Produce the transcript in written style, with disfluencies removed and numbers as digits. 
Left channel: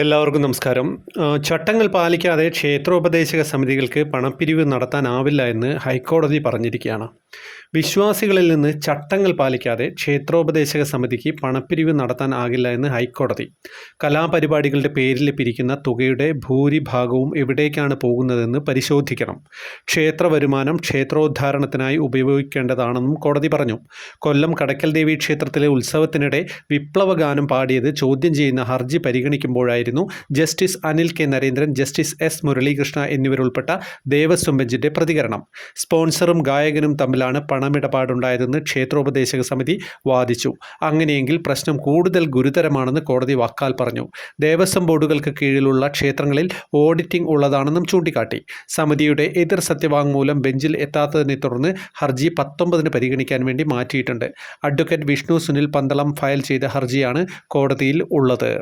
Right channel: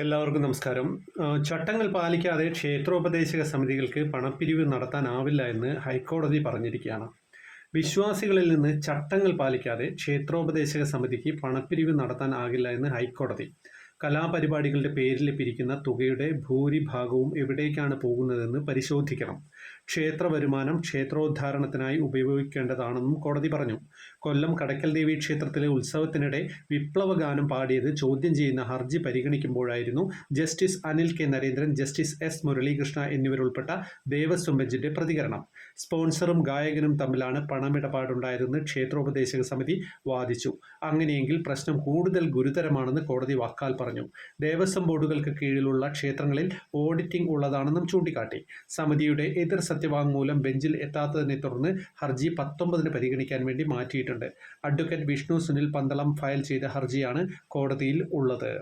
എല്ലാവർക്കും നമസ്കാരം. ചട്ടങ്ങൾ പാലിക്കാതെ ക്ഷേത്രോപദേശക സമിതികൾക്ക് പണപ്പിരിവ് നടത്താനാവില്ല എന്ന് ഹൈക്കോടതി പറഞ്ഞിരിക്കുകയാണ്. വിശ്വാസികളിൽ നിന്ന് ചട്ടങ്ങൾ പാലിക്കാതെ ക്ഷേത്രോപദേശക സമിതിക്ക് പണപ്പിരിവ് നടത്താനാകില്ല എന്ന് ഹൈക്കോടതി. കലാപരിപാടികളുടെ പേരിൽ പിരിക്കുന്ന തുകയുടെ ഭൂരിഭാഗവും എവിടേക്കാണ് പോകുന്നതെന്ന് പരിശോധിക്കണം. ക്ഷേത്ര വരുമാനം ക്ഷേത്രോദ്ധാരണത്തിനായി ഉപയോഗിക്കേണ്ടതാണെന്നും കോടതി പറഞ്ഞു. കൊല്ലം കടയ്ക്കൽ ദേവി ക്ഷേത്രത്തിലെ ഉത്സവത്തിനിടെ വിപ്ലവഗാനം പാടിയത് ചോദ്യം ചെയ്യുന്ന ഹർജി പരിഗണിക്കുമ്പോഴായിരുന്നു justice Anil K Narendran, justice S Muralikrishna എന്നിവരുൾപ്പെട്ട ദേവസ്വം ബെഞ്ചിന്റെ പ്രതികരണം. സ്പോൺസറും ഗായകനും തമ്മിലാണ് പണമിടപാടുണ്ടായതെന്ന് ക്ഷേത്രോപദേശക സമിതി വാദിച്ചു. അങ്ങനെയെങ്കിൽ പ്രശ്നം കൂടുതൽ ഗുരുതരമാണെന്ന് കോടതി വാക്കാൽ പറഞ്ഞു. ദേവസ്വം ബോർഡുകൾക്ക് കീഴിലുള്ള ക്ഷേത്രങ്ങളിൽ ഓഡിറ്റിംഗ് ഉള്ളതാണെന്നും ചൂണ്ടിക്കാട്ടി. സമിതിയുടെ എതിർ സത്യവാങ്മൂലം ബെഞ്ചിൽ എത്താത്തതിനെ തുടർന്ന് ഹർജി 19-ന് പരിഗണിക്കാൻ വേണ്ടി മാറ്റിയിട്ടുണ്ട്. അഡ്വക്കേറ്റ് വിഷ്ണു സുനിൽ പന്തളം ഫയൽ ചെയ്ത ഹർജിയാണ് കോടതിയിൽ ഉള്ളത്.